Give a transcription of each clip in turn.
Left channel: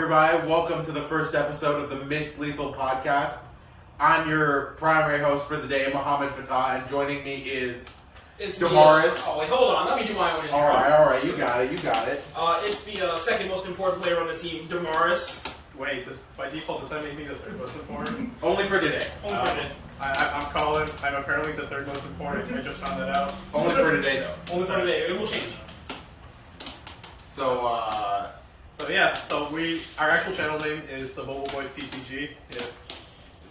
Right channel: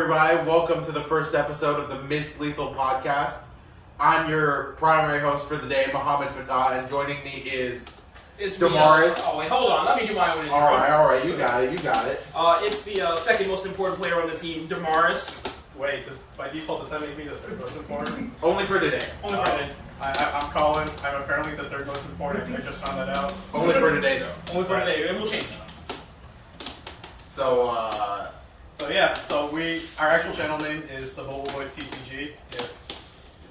everybody. Welcome to the first episode of the MissLethal podcast. I'm your primary host for the day, Mohammed Fatah, and joining me is Damaris. Oh, wait, hold on. Let me do my own intro. All right. You got it. It's the second most important player on the team, Damaris. Wait, by default, does that make me the third most important? Only for today. Only for today. I'm Colin. I'm apparently the third most important. I just found that out. Only for today, though. Only for today. It will change. So, our actual channel name is the Boba Bois TCG. If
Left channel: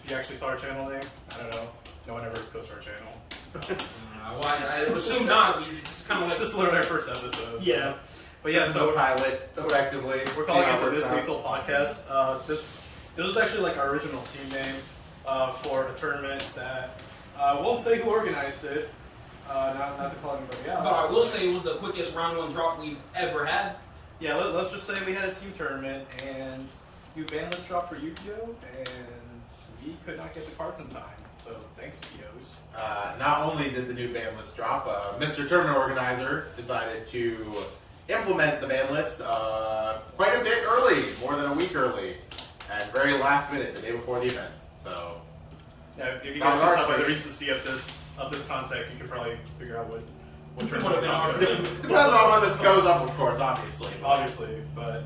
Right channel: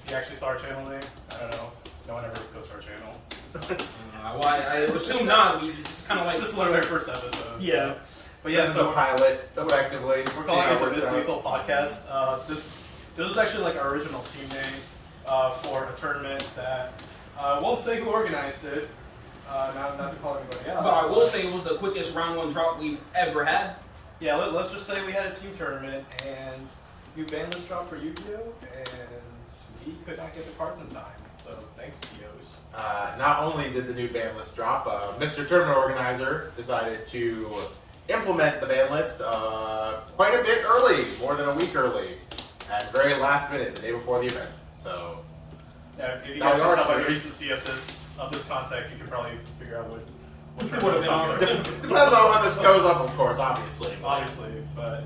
you actually saw our channel name, I don't know. No one ever goes to our channel. I assume not. We just kind of like... This is literally our first episode. Yeah. So. But yeah, this is a pilot, effectively. We're calling it the MissLethal podcast. This was actually like our original team name for a tournament that I won't say who organized it. Not to call anybody out. But I will say it was the quickest round one drop we've ever had. Yeah, let's just say we had a team tournament and new ban list dropped for Yu-Gi-Oh! And we could not get the cards in time. So thanks, TOs. Not only did the new ban list drop, Mr. Tournament Organizer decided to implement the ban list quite a bit early, more than a week early, and very last minute, the day before the event. So, yeah, if you guys can tell by the recency of this context, you can probably figure out what Depends on when this goes up, of course, obviously. But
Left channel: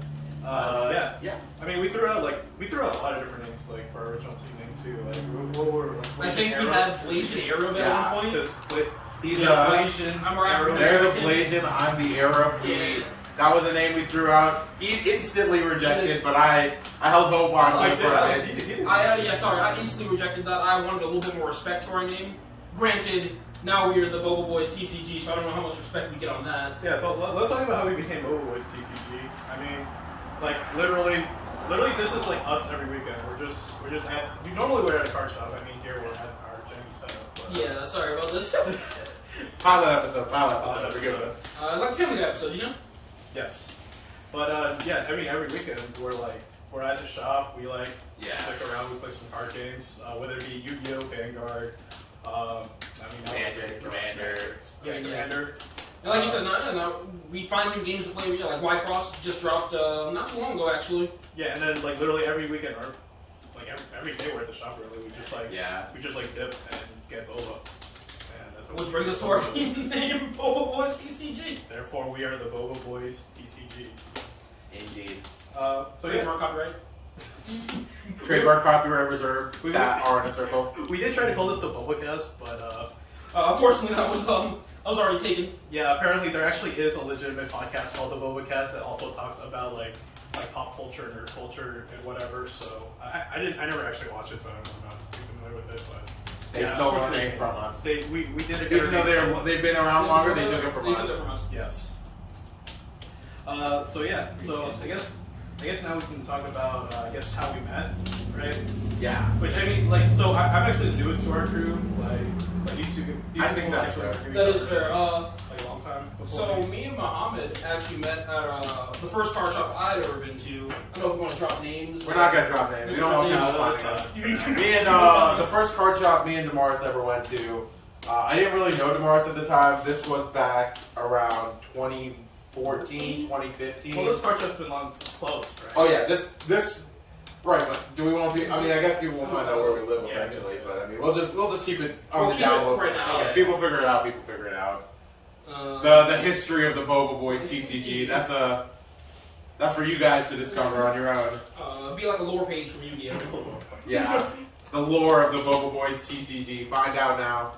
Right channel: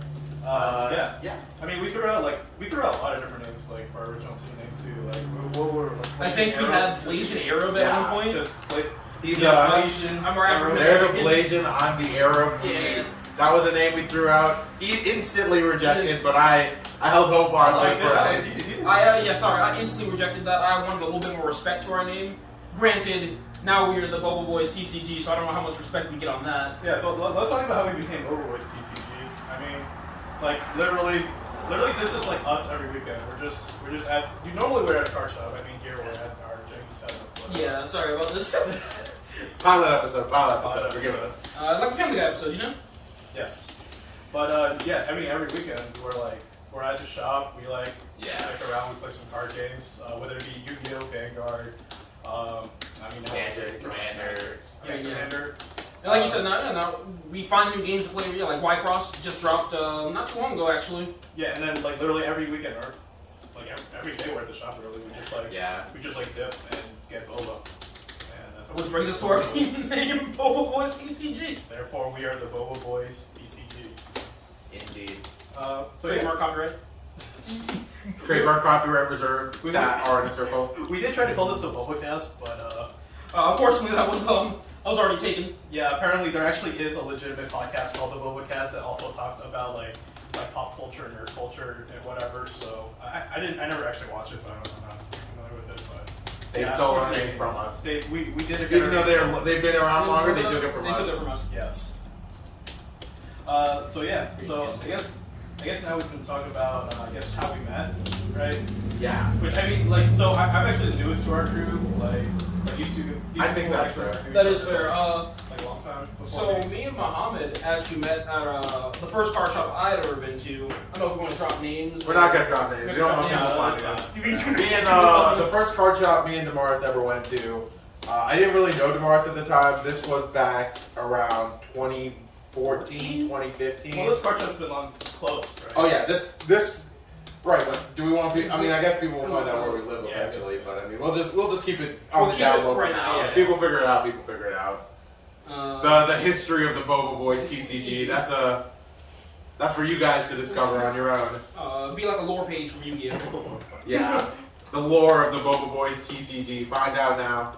yeah. I mean, we threw out a lot of different names like for our original team name too. Like what were I think we had Blasian Arab at one point. He's Blasian. I'm African. They're the Blasian. I'm the Arab. Yeah. That was a name we threw out. Instantly rejected, but I held hope on it for a bit. I instantly rejected that. I wanted a little bit more respect to our name. Granted, now we're the Boba Bois TCG, so I don't know how much respect we get on that. Yeah, so let's talk about how we became Boba Bois TCG. I mean, like literally, this is like us every weekend. We're just at. Normally we're at a card shop. I mean, here we're at our gym setup. But. Yeah, sorry about this. Pilot episode. Forgive us. Like the Family Guy episode, you know? Yes. But I mean, every weekend we're at the shop. We stick around. We play some card games, whether it be Yu-Gi-Oh, Vanguard. Magic, Commander. Commander. And like you said, no, we find new games to play. Yeah, like Y-Cross just dropped not too long ago, actually. Yeah, and then like literally every weekend, or like every day we're at the shop. Really, we just dip and get Boba. And that's which brings us to our team name, Boba Bois TCG. Therefore, we are the Boba Bois TCG. Indeed. Trademark copyright. Trademark copyright reserved. That are in a circle. We did try to call this the Boba Cast, but unfortunately that was already taken. Yeah, apparently there actually is a legitimate podcast called the Boba Cast that also talks about like pop culture, nerd culture, and whatever. So I never actually watched it, so I'm not too familiar with it. But they stole our name from us. We did it. Even though they've been around longer, they took it from us. They took it from us. Yes. So I guess now we can talk about how we met, right? Yeah. Which I mean, like, so I'm actually the newest to our crew. Like these two. I think that's fair. That is fair. Like a long time before. So me and Mohammed actually met at the first card shop I'd ever been to. I don't know if we're going to drop names. We're not gonna drop names. We don't want people finding us. Me and the first card shop me and Damaris ever went to. I didn't really know Damaris at the time. This was back around 2014, 2015. Well, this card shop's been long closed, right? Oh yeah, this. Right, but do we want to be? I mean, I guess people will find out where we live eventually. But I mean, we'll just keep it on the down low right now. If people figure it out, people figure it out. The history of the Boba Bois TCG. That's for you guys to discover on your own. Be like a lore page from Yu-Gi-Oh. Yeah, the lore of the Boba Bois TCG. Find out now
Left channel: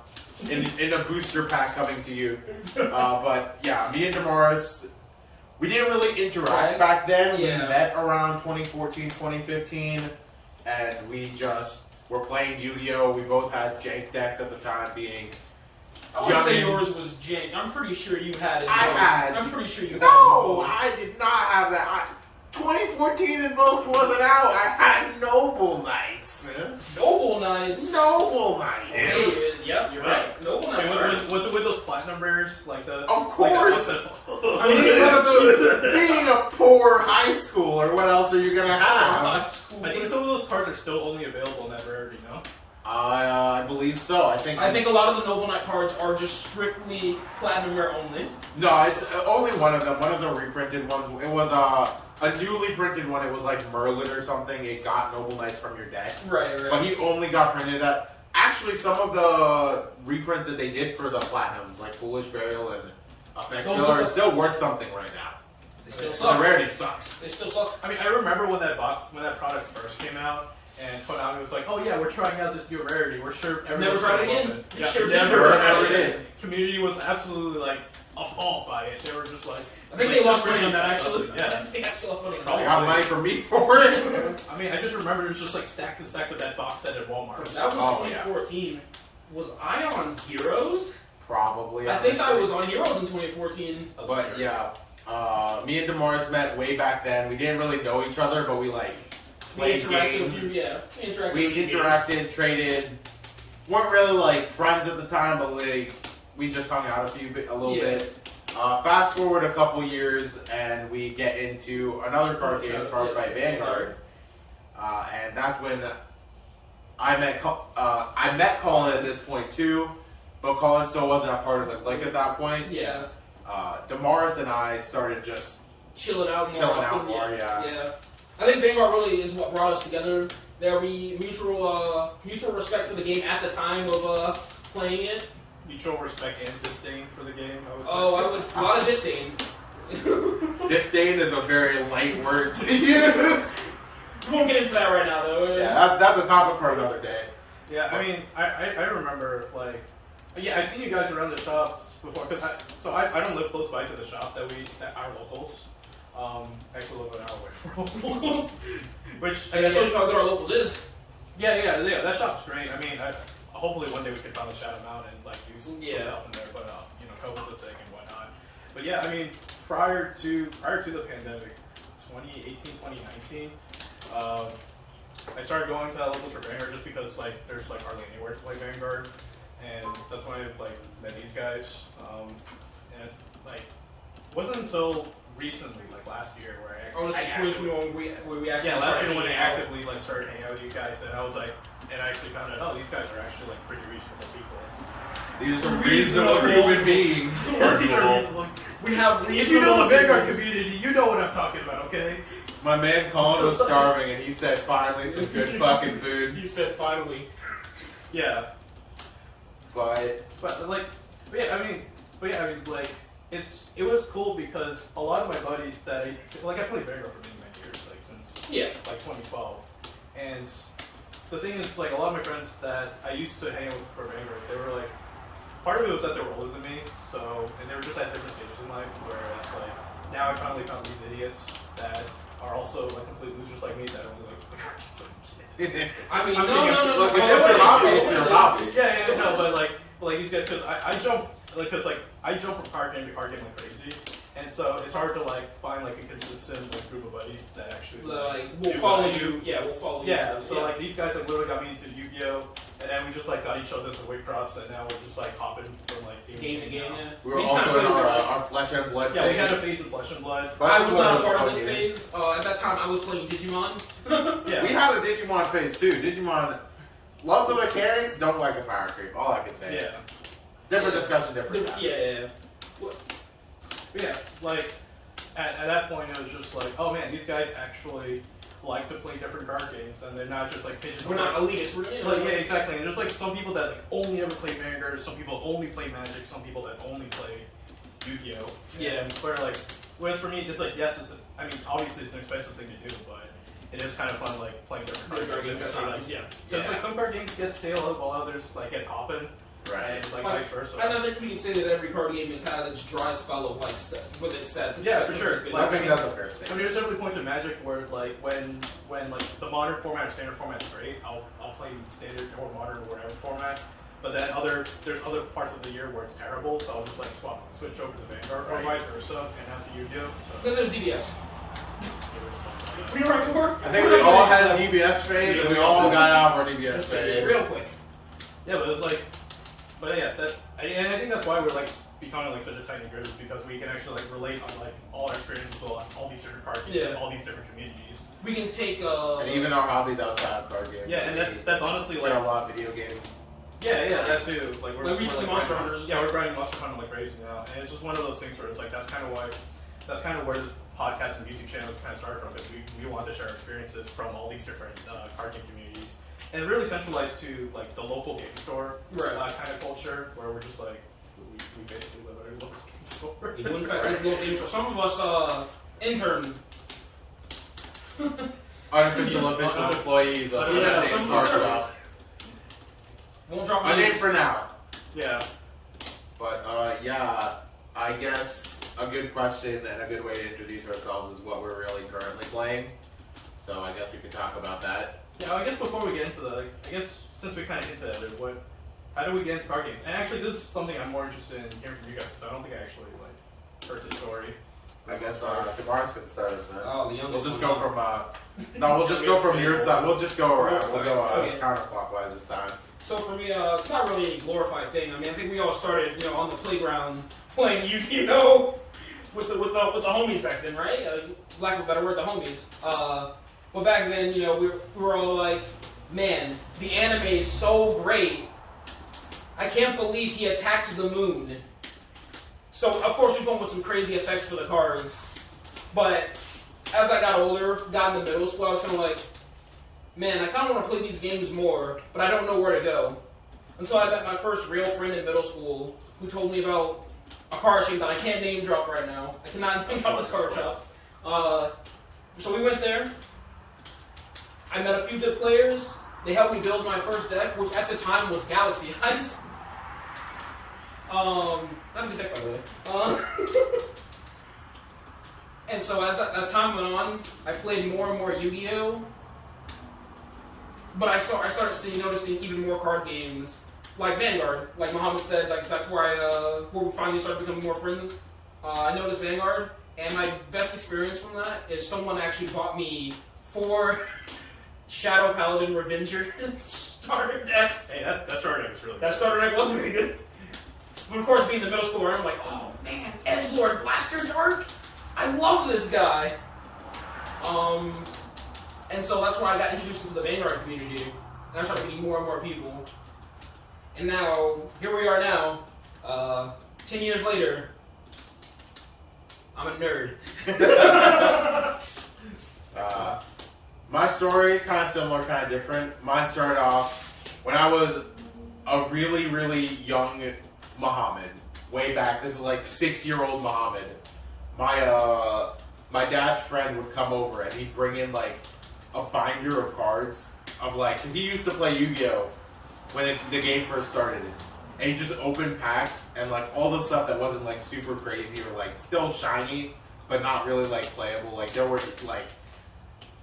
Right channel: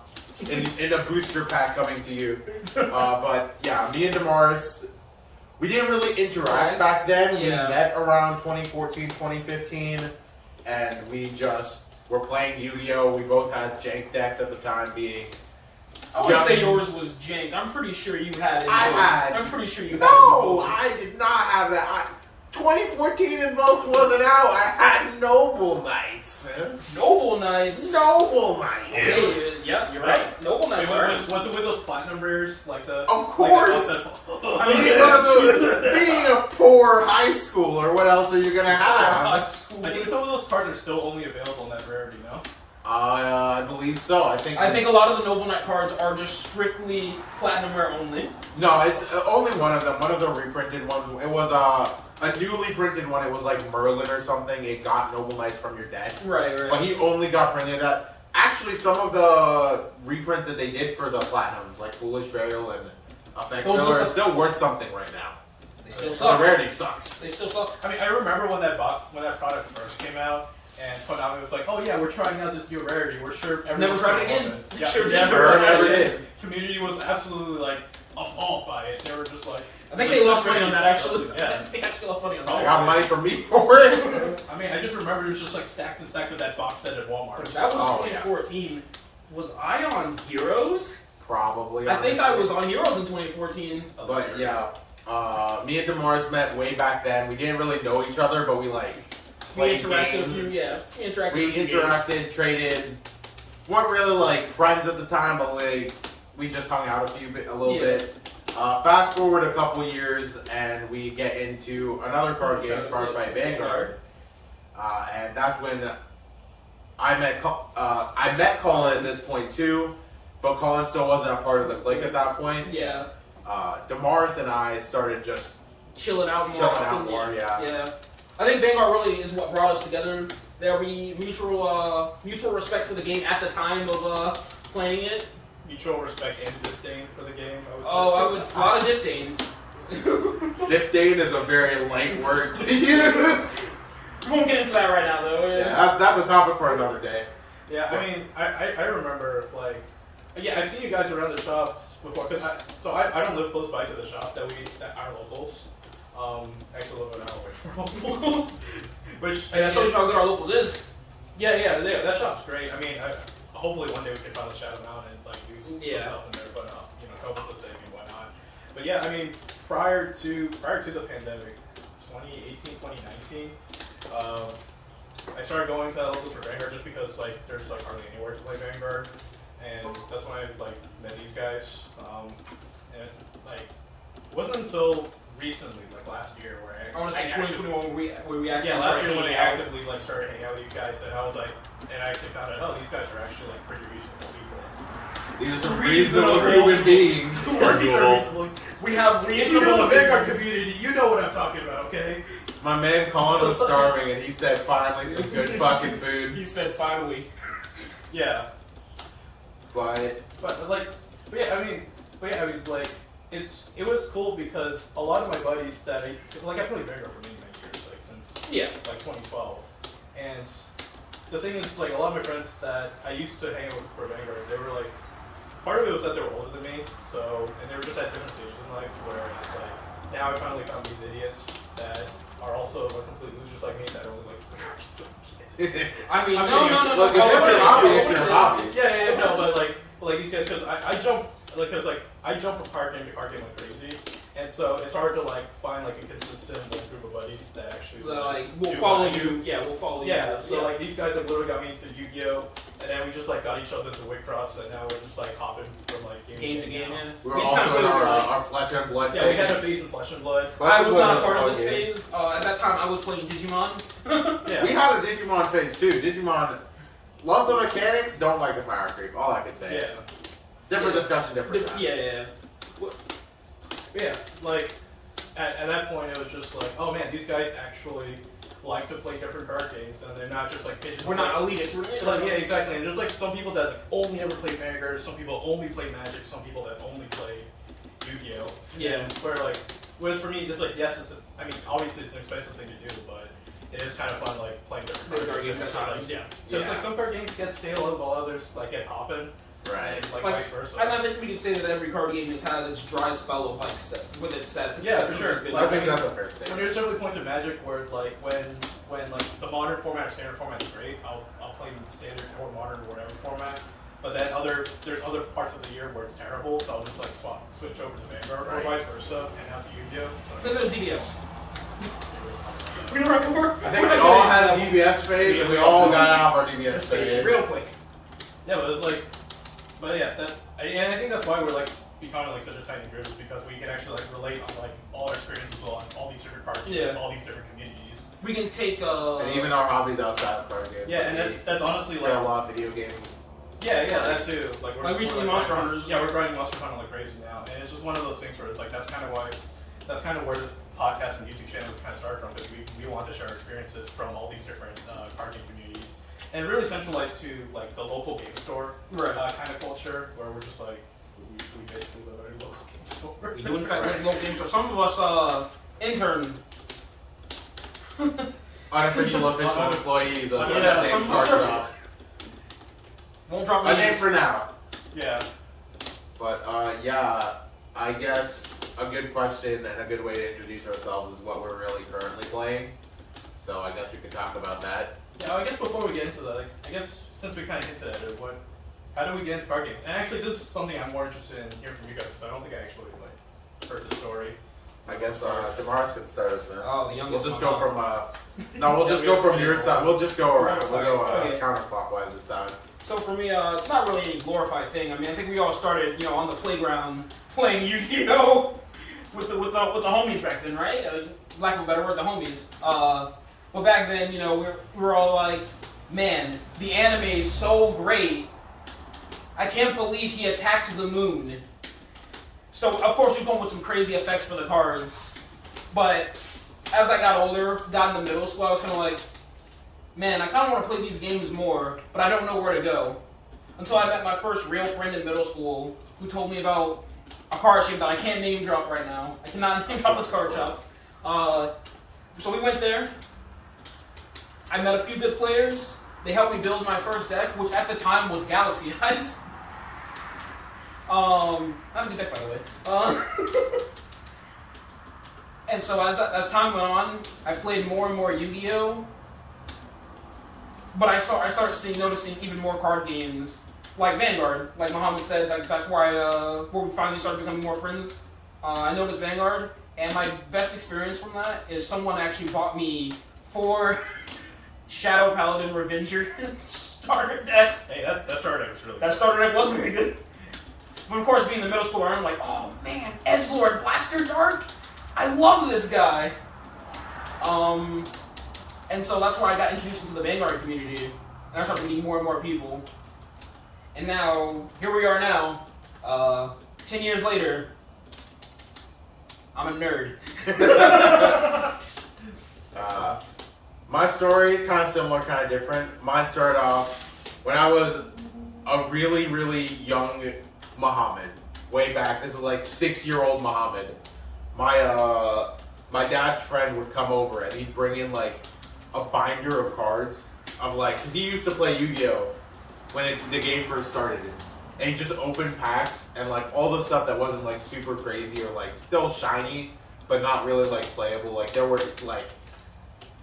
in a booster pack coming to you. But yeah, me and Damaris. We didn't really interact back then. We met around 2014, 2015, and we just were playing Yu-Gi-Oh! We both had jank decks at the time being... I wouldn't say yours was jank. I'm pretty sure you had it. I'm pretty sure you had it. No, I did not have that. 2014 Invoked wasn't out. I had Noble Knights. Noble Knights? Noble Knights. Okay, yep, you're right. Noble Knights, right? Was it with those platinum rares? Like the... Of course! I mean, being a poor high schooler, what else are you going to have? I think some of those cards are still only available in that rarity, no? I believe so. I think a lot of the Noble Knight cards are just strictly platinum rare only. No, it's only one of them. One of the reprinted ones. It was a newly printed one. It was like Merlin or something. It got Noble Knights from your deck. Right. But he only got printed that. Actually, some of the reprints that they did for the platinums, like Foolish Burial and Effect Killer, are still worth something right now. They still The suck. rarity sucks. They still suck. I mean, I remember when that product first came out, and Konami was like, "Oh yeah, we're trying out this new rarity. We're sure everyone's Never tried gonna it love again. Yeah, Sure never did. Community was absolutely like appalled by it. They were just like, I think they lost money on that actually. disgusting. Yeah. I think they actually lost money on They that. got money from me for it. I mean, I just remember there's just like stacks and stacks of that box set at Walmart. That was Oh, yeah. 2014. Was I on Heroes? Probably. I think I honestly. was on Heroes in 2014. But yeah, me and Damaris met way back then. We didn't really know each other, but we like We played interacted with games. you, yeah. We interacted We with you interacted, traded. Weren't really like friends at the time, but we just hung out a little Yeah. bit. Fast forward a couple years, and we get into another card game, Card Fight Vanguard, and that's when I met Colin at this point too, but Colin still wasn't a part of the clique at that point. Yeah. Damaris and I started just Chilling out more. Chilling out often, more, Yeah. I think Vanguard really is what brought us together. There we mutual respect for the game at the time of playing it. Mutual respect and disdain for the game. I would say. A lot of disdain. disdain is a very light word to use. We won't get into that right now though. Yeah, that's a topic for another day. Yeah, I mean, I remember, like, yeah, I've seen you guys around the shops before, because I don't live close by to the shop that our locals. Actually live an hour away from our locals. Which, And that shows you how good our locals is. yeah, that shop's great. I mean, hopefully one day we can finally shout them out and, like, do some Yeah. stuff in there, but, you know, COVID's a thing and whatnot. But yeah, I mean, prior to the pandemic, 2018, 2019, I started going to locals for Vanguard just because like there's like hardly anywhere to play Vanguard, and that's when I like met these guys. And like it wasn't until recently, like last year, where I want to say 2021 where we actually last started year when I hanging out. actively like started hanging out with you guys, and I was like, and I actually found out, oh, these guys are actually like pretty reasonable people. These are some reasonable human beings. We have If you know the reasonable Vanguard opinions. community, you know what I'm talking about, okay? My man Colin was starving, and he said, "Finally, some good fucking food." You said finally. Yeah. But But yeah, I mean, like, it was cool because a lot of my buddies that I played Vanguard for many years, like since Yeah. like 2012, and the thing is, like, a lot of my friends that I used to hang out with for Vanguard, they were like, part of it was that they were older than me, so, and they were just at different stages in life, whereas like now I finally found these idiots that are also like complete losers like me that only like to play card games. I mean, I'm no. kidding. Look, if it's your hobby, it's your hobby. Yeah, no, but like these guys, because I jump, like, I jump from card game to card game like crazy, and so it's hard to like find like a consistent like group of buddies that actually Like we'll do follow what I do. you. Yeah, we'll follow you. Yeah, so like these guys that literally got me into Yu-Gi-Oh, and then we just like got each other to Wicross, and now we're just like hopping from like game to game. now. Yeah. we were just not also in good at our Flesh and Blood Yeah, we phase. had a phase in Flesh and Blood. Flesh I and was Blood not a part of a this fun game. phase. At that time, I was playing Digimon. Yeah, We had a Digimon phase too. Digimon, love the mechanics, don't like the power creep. All I can say. yeah, Different Yeah. discussion, different time. Yeah. yeah. Like at that point, it was just like, oh man, these guys actually like to play different card games, and they're not just like pigeonholed. We're not elitists. We're Like, yeah, exactly. And there's like some people that like, only ever play Vanguard, some people only play Magic, some people that only play Yu-Gi-Oh. Yeah. And where like, whereas for me, it's like, yes, I mean, obviously it's an expensive thing to do, but it is kind of fun like playing different card games. Yeah. Because Yeah. like some card games get stale while others like get poppin', Right. and like Like, vice versa. And I think we can say that every card game has had its dry spell of like with its sets. Yeah, for sure. I think that's a fair I mean, statement. there's definitely points in Magic where like when like the modern format or standard format is great, I'll play standard or modern or whatever format. But then there's other parts of the year where it's terrible, so I'll just like switch over to Vanguard Right. or vice versa, and now to Yu-Gi-Oh. Then there's DBS. We remember? I think we all had a DBS phase, and we all got out of our DBS phase. real quick. Yeah, but it was like, but yeah, and I think that's why we're like becoming like such a tight knit group is because we can actually like relate on like all our experiences on all these different card games and all these different communities. We can take and even our hobbies outside of card games. Yeah, and that's honestly play like a lot of video games. Yeah, that too. Like we're recently Monster Hunters. Yeah, we're grinding Monster Hunter like crazy now, and it's just one of those things where it's like that's kind of where this podcast and YouTube channel kind of started from. Because we want to share our experiences from all these different card game communities, and really centralized to like the local game store kind of culture, where we're just like we basically live at a local game store. We do in fact live local games. For some of us, intern. Unofficial employees of some card of games. us. Won't drop A name names. for now. Yeah. But yeah, I guess a good question and a good way to introduce ourselves is what we're really currently playing. So I guess we could talk about that. Yeah, I guess before we get into that, like, I guess since we kind of hinted at it, how do we get into card games? And actually, this is something I'm more interested in hearing from you guys, because I don't think I actually like heard the story. I guess Damaris can start us then. Oh, the We'll youngest just one, go huh? from no, we'll just go from your side. We'll just go around. We'll go Okay. counterclockwise this time. So for me, it's not really any glorified thing. I mean, I think we all started, on the playground playing Yu-Gi-Oh! with the homies back then, right? Lack of a better word, the homies. But back then, we were all like, man, the anime is so great. I can't believe he attacked the moon. So of course we come up with some crazy effects for the cards. But as I got older, got into middle school, I was kind of like, man, I kind of want to play these games more, but I don't know where to go. Until I met my first real friend in middle school who told me about a card shop that I can't name drop right now. I cannot name drop this card shop. So we went there. I met a few good players. They helped me build my first deck, which at the time was Galaxy Eyes. Not a good deck, by the way. And so as time went on, I played more and more Yu-Gi-Oh! But I started noticing even more card games, like Vanguard. Like Muhammad said, like that's where we finally started becoming more friends. I noticed Vanguard, and my best experience from that is someone actually bought me 4 Shadow Paladin Revenger starter decks. Hey, that starter deck was really good. That starter deck was very good. But of course, being the middle schooler, I'm like, oh man, Edgelord Blaster Dark? I love this guy. And so that's why I got introduced into the Vanguard community, and I started meeting more and more people. And now, here we are now, 10 years later, I'm a nerd. My story, kind of similar, kind of different. Mine started off when I was a really, really young Muhammad. Way back, this is like 6-year-old Muhammad. My dad's friend would come over and he'd bring in like a binder of cards of like, cause he used to play Yu-Gi-Oh! When the game first started. And he just opened packs and like all the stuff that wasn't like super crazy or like still shiny, but not really like playable. Like there were like,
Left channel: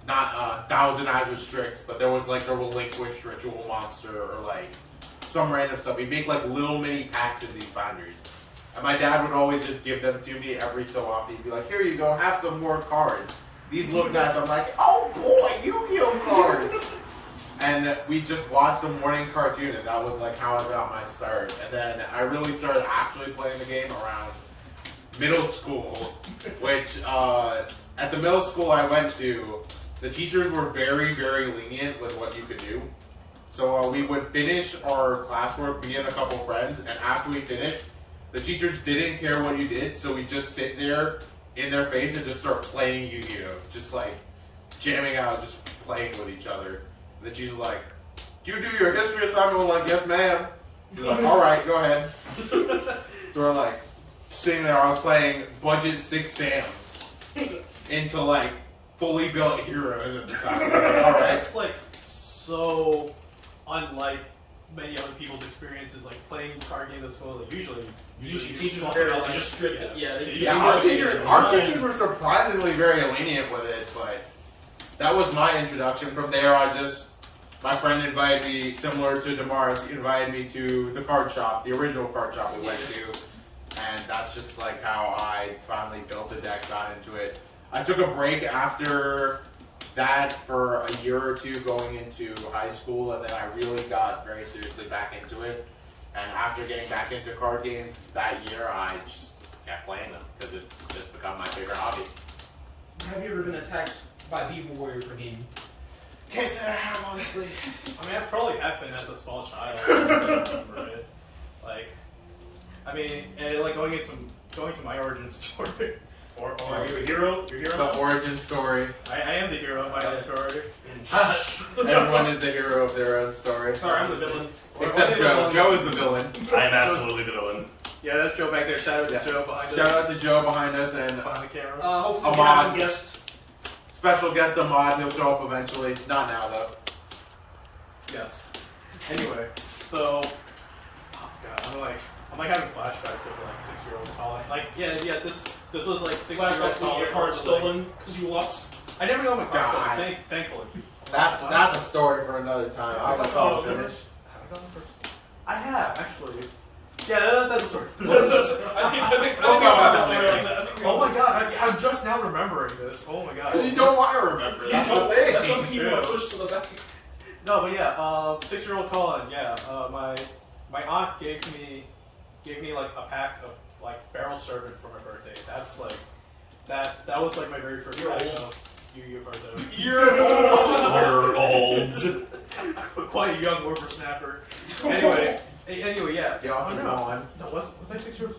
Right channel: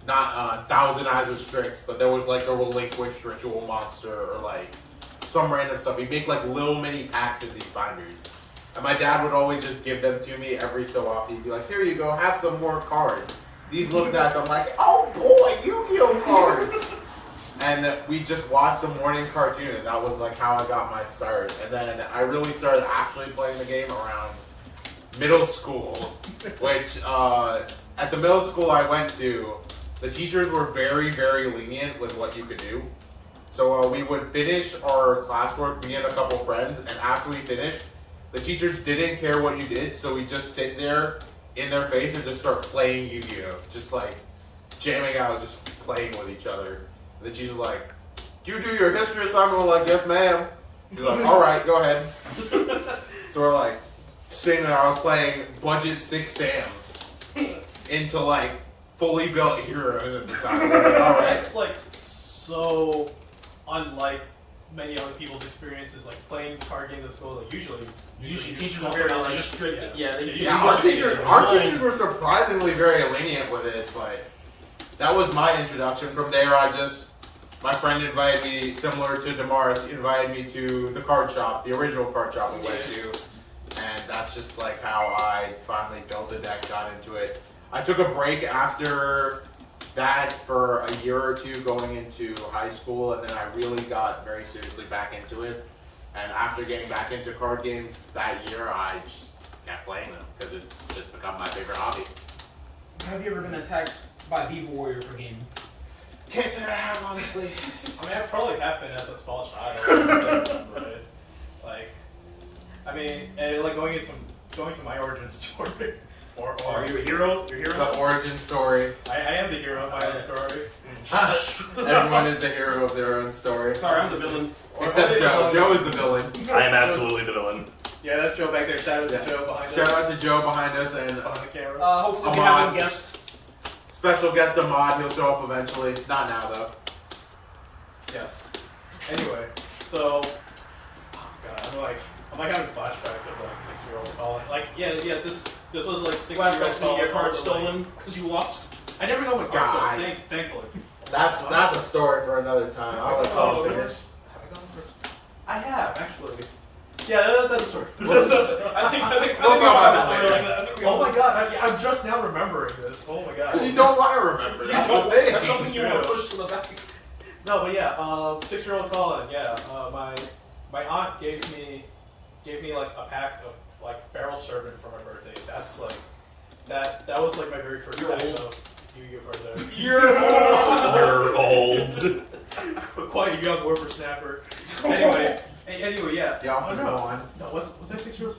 not Thousand Eyes or Strix, but there was like a Relinquished Ritual Monster or like some random stuff. He'd make like little mini packs in these binders. And my dad would always just give them to me every so often. He'd be like, here you go, have some more cards. These look nice. I'm like, oh boy, Yu-Gi-Oh! Cards. And we just watched the morning cartoon, and that was like how I got my start. And then I really started actually playing the game around middle school, which at the middle school I went to, the teachers were very, very lenient with what you could do. So we would finish our classwork, me and a couple friends, and after we finished, the teachers didn't care what you did, so we just sit there in their face and just start playing Yu-Gi-Oh! Just like jamming out, just playing with each other. And the teacher's like, do you do your history assignment? We're like, yes ma'am. She's like, alright, go ahead. So we're like, sitting there, I was playing budget 6 Sams into like fully built heroes at the time. We're like, alright. It's like so unlike many other people's experiences, like playing card games at school. Like usually teachers are very like strict. Our teachers were surprisingly very lenient with it, but that was my introduction. From there, my friend invited me, similar to Damaris, invited me to the card shop, the original card shop we went to, and that's just like how I finally built a deck, got into it. I took a break after that for a year or two going into high school, and then I really got very seriously back into it. And after getting back into card games that year, I just kept playing them because it's just become my favorite hobby. Have you ever been attacked by Beaver Warrior for game? Can't say I have, honestly. I mean, I probably happened as a small child. I just don't remember it. Like, I mean, and like going to my origin story. Or Are you a hero? You're a hero? The origin story. I am the hero of my own story. Everyone is the hero of their own story. Sorry, I'm the villain. Except Joe. Joe is the villain. I am absolutely the villain. Yeah, that's Joe back there. Shout out to Joe behind us. Shout out to Joe behind us and Behind the camera. Hopefully we Ahmad. have a guest. special guest Ahmad. He'll show up eventually. Not now though. Yes. Anyway, so oh God, I'm like having flashbacks of like 6-year-old calling. Like this was like 6-year-old Flashbacks to calling. your card also, stolen because you lost. I never know my card God. stolen. Thankfully. That's a story for another time. I'll let Paul finish. I have actually. Yeah, that's a story. I think We'll we talk all about have a that story later. like I think we Oh all- my God, I'm just now remembering this. Oh my God. Because you don't want to remember. That's the thing. That's something you want to Yeah. push to the back. No, but yeah, 6-year-old Colin. Yeah, my aunt gave me like a pack of like barrel servant for my birthday. That's like that was like my very first You're pack old. of Yu-Gi-Oh cards ever. You're old. Quite a young whippersnapper. Anyway, yeah. The office Oh, no. go on. No, was I 6 years?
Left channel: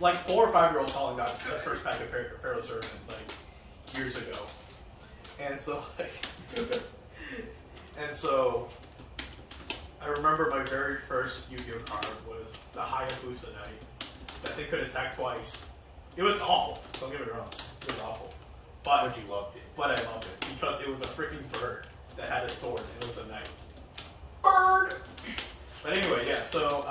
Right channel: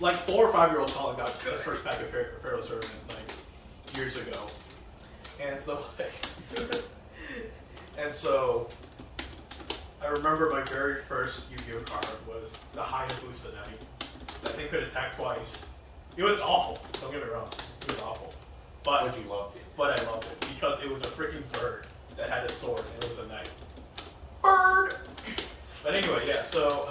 Like 4 or 5-year-old Colin got his first pack of Pharaoh Servant like years ago, and so I remember my very first Yu-Gi-Oh card was the Hayabusa Knight. That thing could attack twice. It was awful. Don't get me wrong, it was awful, But you loved it. but I loved it because it was a freaking bird that had a sword and it was a knight. Bird. But anyway, yeah. So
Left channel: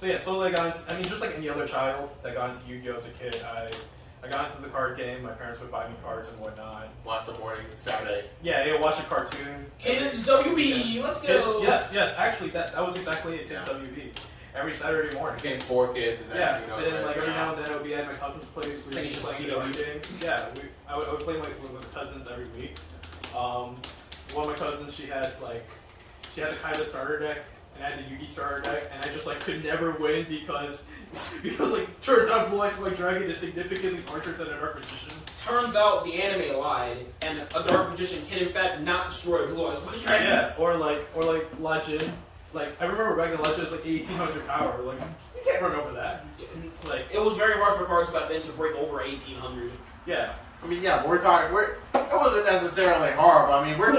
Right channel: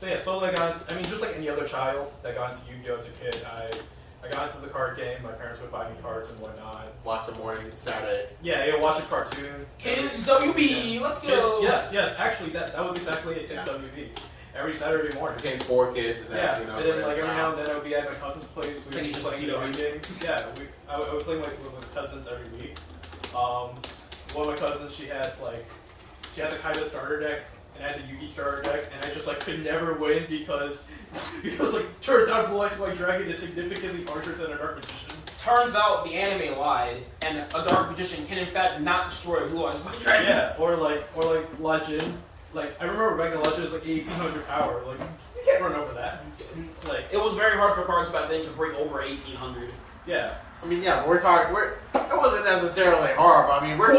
I got into, I mean, just like any other child that got into Yu-Gi-Oh as a kid, I got into the card game. My parents would buy me cards and whatnot. Watch the morning Saturday. Yeah, you know, watch a cartoon. Kids WB, let's go. Yes. Actually, that was exactly it. Just Yeah. WB. Every Saturday morning. Became 4 kids and then Yeah, who knows and then when like it's every not. now and then I would be at my cousin's place. We would be Finish the playing the card game. Yeah, I would play with cousins every week. One of my cousins, she had the Kaiba starter deck, and I had the Yugi starter deck, and I just like could never win because like turns out Blue Eyes White Dragon is significantly larger than a Dark Magician. Turns out the anime lied, and a dark magician can in fact not destroy Blue Eyes White Dragon. Yeah, or like Legend. Like I remember back in Legend, it was like 1800 power. Like you can't run over that. Like It was very hard for cards back then to break over 1800. yeah. I mean, yeah, but it wasn't necessarily hard. But I mean, we're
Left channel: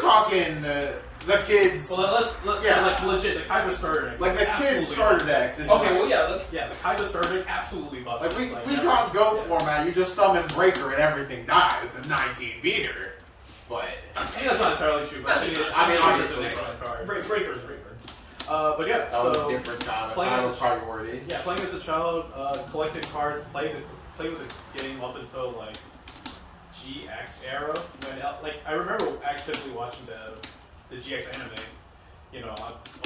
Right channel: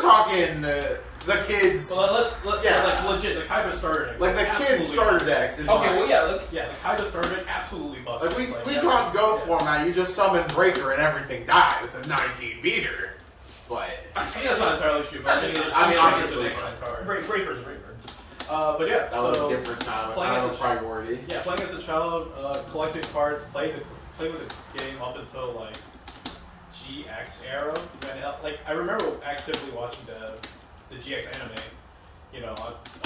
talking the kids, Well, let's Yeah. like legit the Kaiba starter deck. like the absolutely kids starter busted. decks. Is Okay, like, well yeah, look. Yeah, the Kaiba starter deck absolutely busted. Like It's we never- talk Go yeah. format, you just summon Breaker and everything dies, a 19 meter. But I think that's not entirely true. But That's just I mean, it's an obviously, excellent card. Breaker's a breaker. But yeah, that was so a different time, a playing time as of priority. yeah, playing as a child, collected cards, played with the game up until like GX era. When like I remember actively watching the GX anime. You know,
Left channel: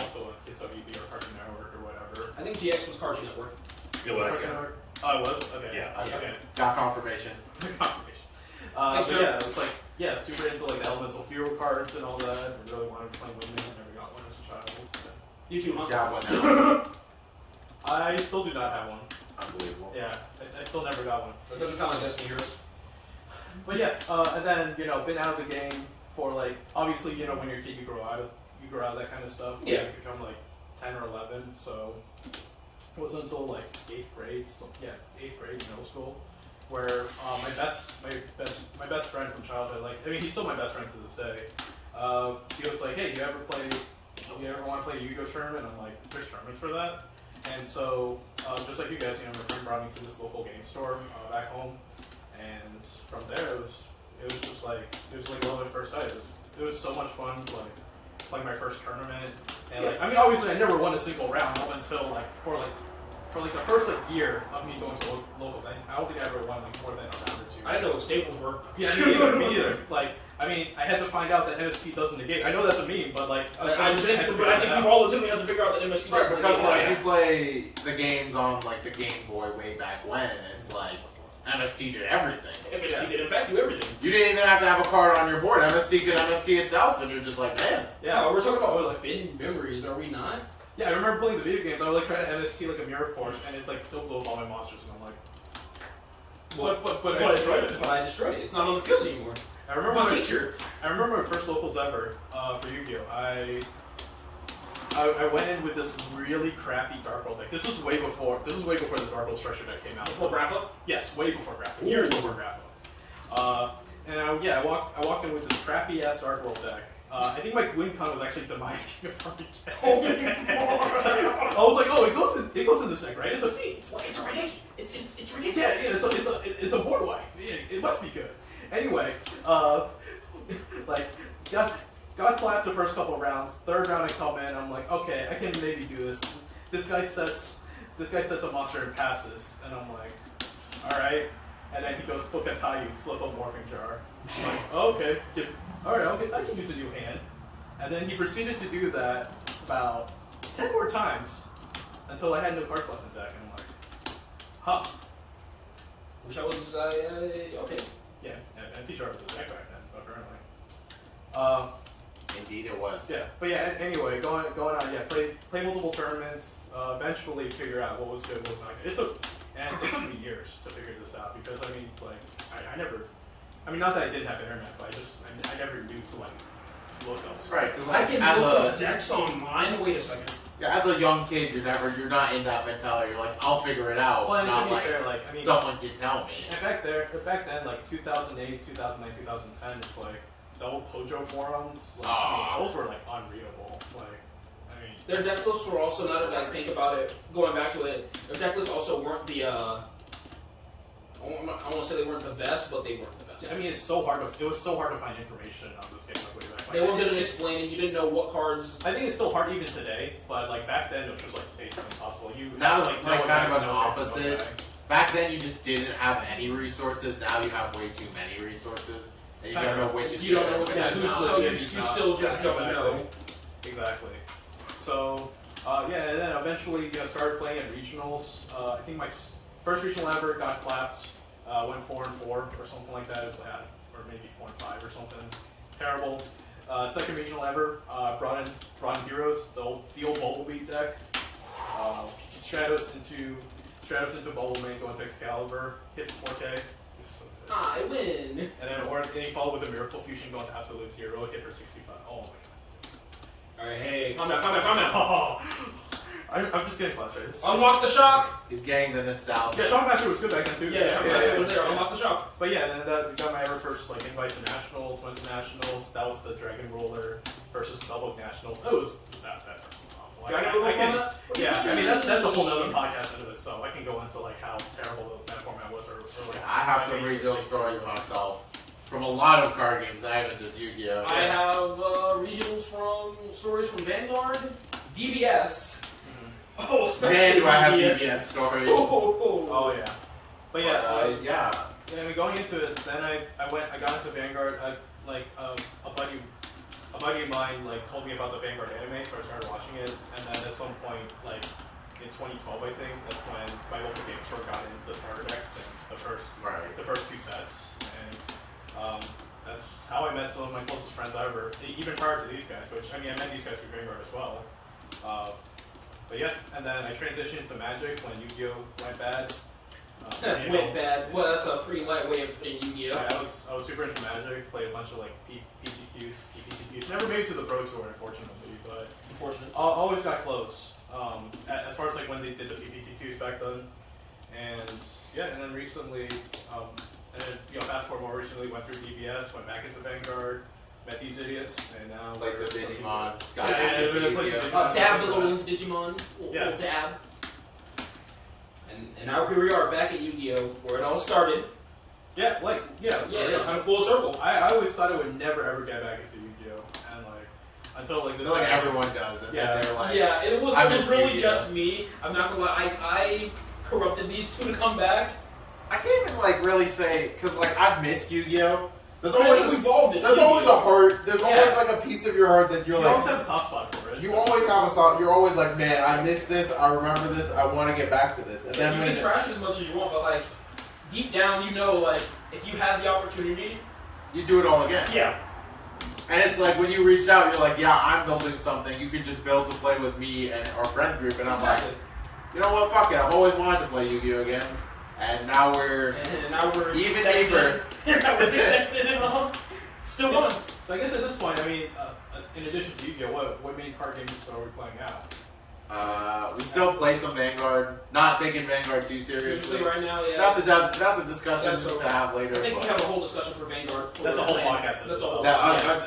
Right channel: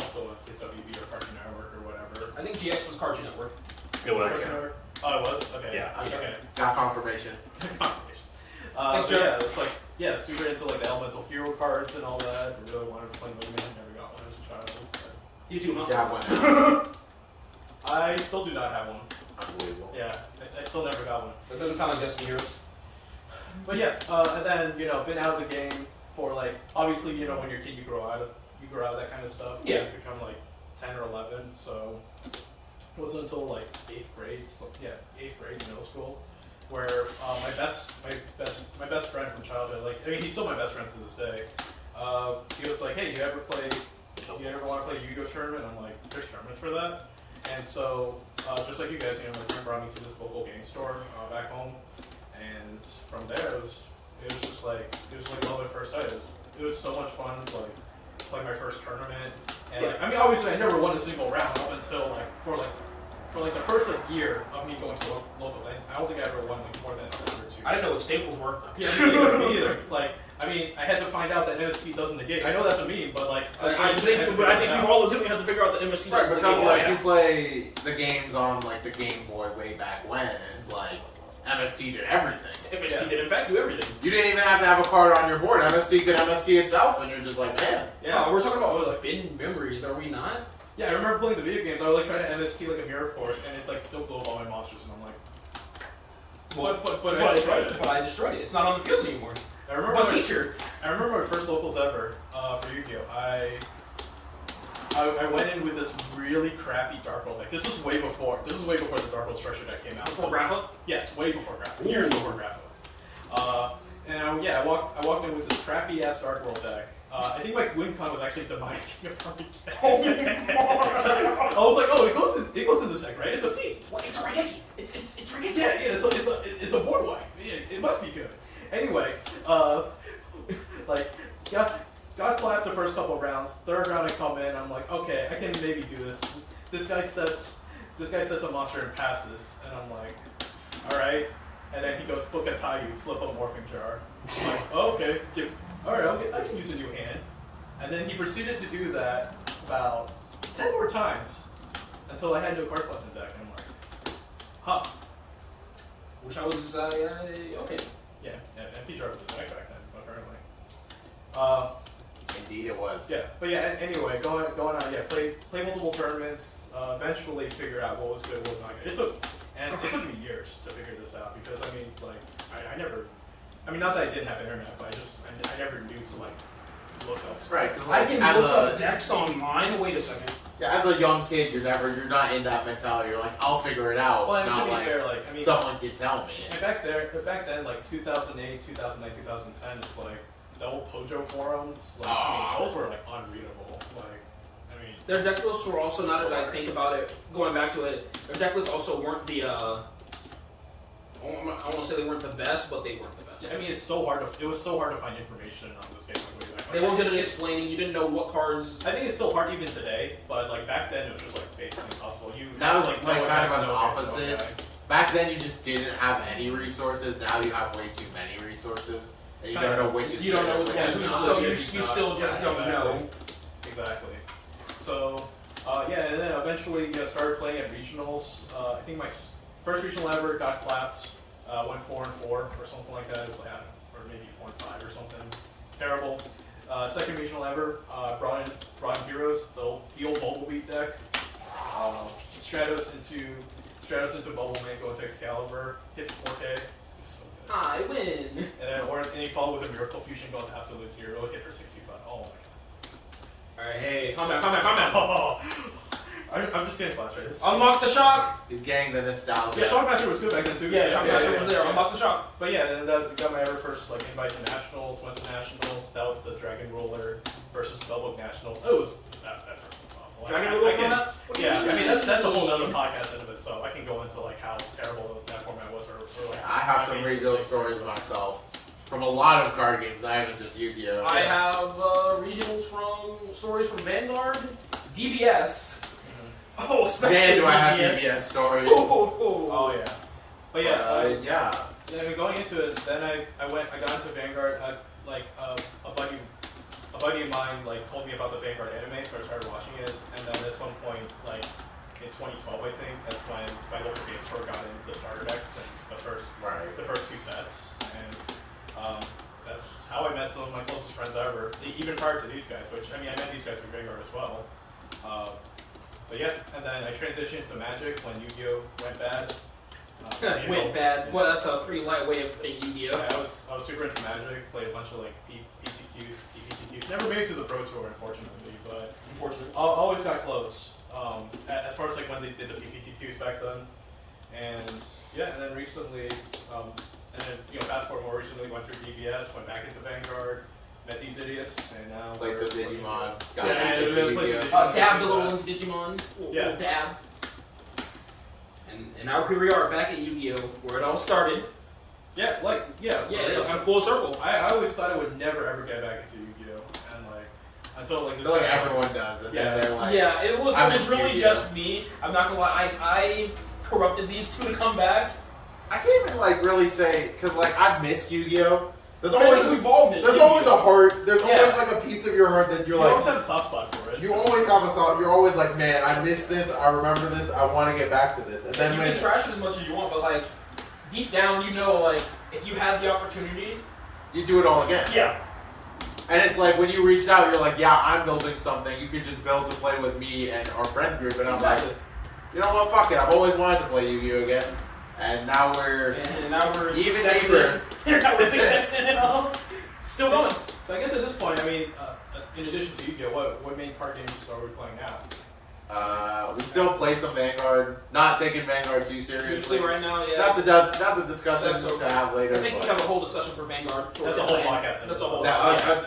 also it's WB or Cartoon Network or whatever. I think GX was Cartoon Network. It was, Cartoon yeah. Network? Oh, it was? Okay. Yeah. Okay. Got confirmation. Confirmation. Thanks, But Joe. yeah, it's like, yeah, super into like the Elemental Hero cards and all that. I really wanted to play Mega Man, never got one as a child. You too, huh? Yeah, but now, I still do not have one. unbelievable. Yeah, I still never got one. It doesn't sound like Destiny Heroes. But yeah, and then, you know, been out of the game for like, obviously, you know, when you're a kid, you grow out of that kind of stuff. Yeah. You become like 10 or 11, so it wasn't until like 8th grade, middle school, where my best friend from childhood, like, I mean, he's still my best friend to this day. He was like, hey, you ever want to play a Yu-Gi-Oh tournament? I'm like, there's tournaments for that? And so, just like you guys, you know, my friend brought me to this local game store back home, and from there, it was just like, love at first sight. It was so much fun, like my first tournament, and like, I mean, obviously, I never won a single round up until like for the first like year of me going to locals. I don't think I ever won like more than a round or two. I didn't know what staples were. Yeah, me either. Like, I mean, I had to find out that MSP doesn't negate. I know that's a meme, but like, I think we've all legitimately had to figure out that MSC Right, doesn't because negate like that. you play the games on like the Game Boy way back when, it's like MST did everything. MST did in fact do everything. You didn't even have to have a card on your board. MST could MST itself, and you're just like, man. Yeah, we're talking about like forbidden memories, are we not? Yeah, I remember playing the video games. I would like try to MST like a mirror force, and it like still blew up all my monsters, and I'm like, but I destroyed it. But I destroyed it. It's not on the field anymore. I remember But teacher. I remember my first locals ever for Yu-Gi-Oh. I went in with this really crappy Dark World deck. This was way before the Dark World structure deck came out. Before Graphic? Yes, way before Graphic. Ooh. Years before Graphic. I walked in with this crappy ass Dark World deck. I think my win con was actually Demise King of Frontier. I was like, oh, it goes in this deck, right? It's a feat. Well, it's ridiculous. It's ridiculous. Yeah, it's a board wipe. Yeah, it must be good. Anyway, got clapped the first couple of rounds. Third round I come in, I'm like, okay, I can maybe do this. This guy sets a monster and passes, and I'm like, all right. And then he goes, book a Tayu, flip a Morphing Jar. I'm like, oh, okay, alright, I can use a new hand. And then he proceeded to do that about 10 more times until I had no cards left in the deck, and I'm like, huh. Wish I was, okay. Yeah, empty jar was the deck back then, apparently. Indeed, it was. Yeah, but yeah, anyway, going on, yeah, play multiple tournaments, eventually figure out what was good, what was not good. It took me years to figure this out, because I mean, like, I never, I mean, not that I didn't have internet, but I never knew to like look up stuff. Right, because I like, can as look a up decks online. Wait a second. yeah, as a young kid, you're not in that mentality. You're like, I'll figure it out. Well, and not to be like fair, like, I mean, someone can tell me. and back then, like 2008, 2009, 2010, it's like the old Pojo forums, like I mean, those were like unreadable. Like, I mean, Their deck lists were also, now that I think about it, going back to it, their deck lists also weren't the, I won't say they weren't the best, but they weren't the best. I mean, it was so hard to find information on this game like way back. They weren't good at explaining, you didn't know what cards. I think it's still hard even today, but like back then it was just like basically impossible. Now it's know like what kind of decks an to know against one opposite. guy. Back then, you just didn't have any resources. Now you have way too many resources, and you don't know which is You good don't know and which which is is not. so you still just don't know. Exactly. So, yeah, and then eventually started playing at regionals. I think my first regional ever got clapped. Went 4-4 or something like that. It's like, or maybe 4-5 or something. Terrible. Second regional ever. Brought in heroes. The old Bumblebee deck. Stratos into Bubblemane, go into Excalibur, hit 4K. It's so good. I win. And he followed with a Miracle Fusion, going to Absolute Zero, hit for 65. Oh my god. Alright, hey, calm down. Oh, I'm just getting frustrated. Unlock the shock! He's getting the nostalgia. Yeah, Shockmaster was good back then too. Yeah, Shockmaster was there. Unlock the shock. But yeah, then that got my ever first like invite to nationals. Went to nationals. That was the Dragon Roller versus Spellbook Nationals. That was awful. Dragon I Roller can- format? Yeah, I mean that's a whole other podcast in of itself. I can go into like how terrible that format was, or like. I have some regional regional stories myself from a lot of card games. I haven't just Yu-Gi-Oh. I have regionals from stories from Vanguard, DBS. Oh, especially Man, do I have DBS. DBS stories. Oh yeah, but yeah. Yeah. Then going into it, then I got into Vanguard. A buddy of mine like told me about the Vanguard anime, so I started watching it. And then at some point, like in 2012, I think that's when my local game store got in the starter decks and the first two sets. And that's how I met some of my closest friends ever, even prior to these guys. Which I mean, I met these guys through Vanguard as well. But yeah, and then I transitioned to Magic when Yu-Gi-Oh went bad. Went bad. Well, that's a pretty light way of putting Yu-Gi-Oh. I was super into Magic. Played a bunch of like PTQs, PPTQs. Never made it to the Pro Tour, unfortunately, but Unfortunately. always got close. As far as like when they did the PPTQs back then, and yeah, and then recently, and then fast forward more recently, went through DBS, went back into Vanguard. Met these idiots, and now Played some Digimon. Got Yeah, into and then played some Yu-Gi-Oh. Digimon. Dabbed a little into Digimon. Little dab. And now here we are back at Yu-Gi-Oh, where it all started. yeah, Yeah, really. it's a full circle. I always thought I would never ever get back into Yu-Gi-Oh, and like until like I this. feel like everyone does, and Yeah. then they're like, Yeah, it was I miss really Yu-Gi-Oh. just me. I'm not gonna lie, I corrupted these two to come back. I can't even like really say because like I've missed Yu-Gi-Oh. There's But I think always we've all missed there's always a Yu-Gi-Oh. heart. There's always Yeah. like a piece of your heart that you're You like. always have a soft spot for it. You always have a soft. You're always like, man, I miss this. I remember this. I want to get back to this. And then You when can trash it as much as you want, but like deep down, you know, like if you had the opportunity, you do it all again. yeah. And it's like when you reached out, you're like, yeah, I'm building something. You could just build to play with me and our friend group. And I'm like, you know what? Fuck it. I've always wanted to play Yu-Gi-Oh again. And now we're even neighbor. Now we're 6 decks in and all. Still going. So I guess at this point, I mean, in addition to Yu-Gi-Oh, what main card games are we playing now? We still play some Vanguard. Not taking Vanguard too seriously. Usually right now, yeah. That's a discussion That's okay. to have later. I think we have a whole discussion for Vanguard. That's a whole podcast. That's a whole.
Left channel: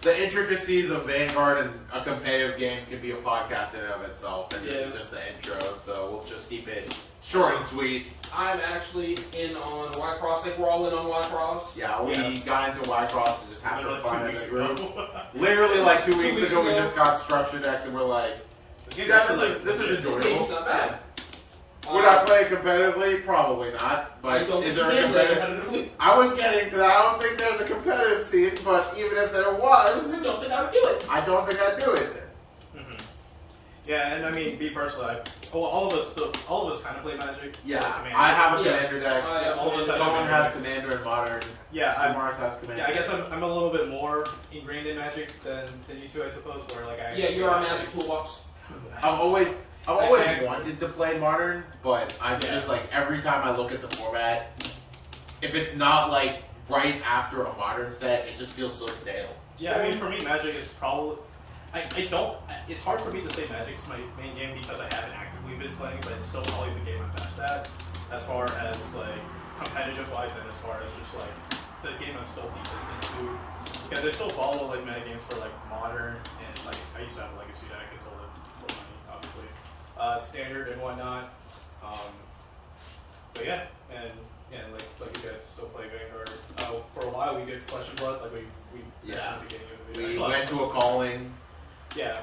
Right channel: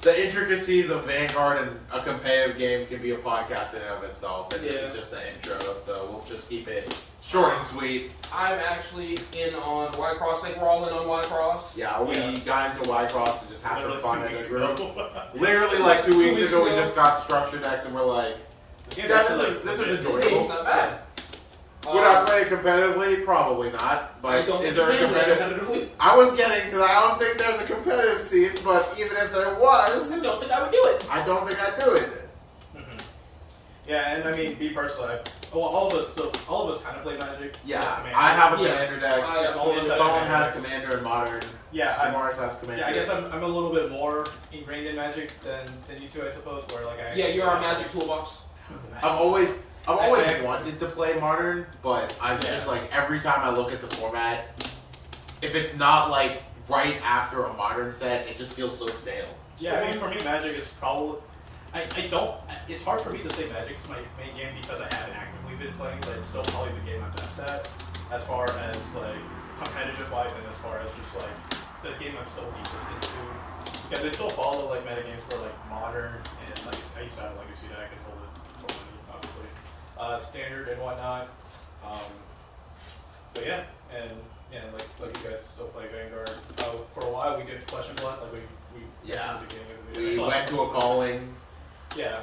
The intricacies of Vanguard and a competitive game can be a podcast in and of itself, and this is just the intro, so we'll just keep it short and sweet. I'm actually in on Y-Cross. I think we're all in on Y-Cross. Yeah, we got into Y-Cross to just have some fun as a group. ago. Literally, like 2 weeks ago, we ago. just got structure decks, and we're like, this is This enjoyable. game's not bad. Would I play it competitively? Probably not. I But don't is think there you a can play competitive? competitively. I was getting to that. I don't think there's a competitive scene, but even if there was, I don't think I would do it. I don't think I'd do it. Yeah, and I mean, me personally, all of us kind of play Magic. Yeah, Commander. I have a Yeah. commander deck. I have all of us have Cullen Commander. has commander and modern. Yeah, Mars has commander. I guess I'm a little bit more ingrained in Magic than you two, I suppose. Where like You're our Magic toolbox. I've always I- wanted to play modern, but I'm just like every time I look at the format, if it's not like right after a modern set, it just feels so stale. Yeah, I mean, for me, Magic is probably. I don't. It's hard for me to say Magic's my main game because I haven't actively been playing, but it's still probably the game I'm best at, as far as like competitive wise, and as far as just like the game I'm still deepest into. Because I still follow like metagames for like modern and like I used to have a legacy deck. I sold it for money, obviously, standard and whatnot. But yeah, and like you guys still play Vanguard. For a while we did Flesh and Blood, like we Yeah. at the beginning of the video. I We still went have- to a calling. Yeah.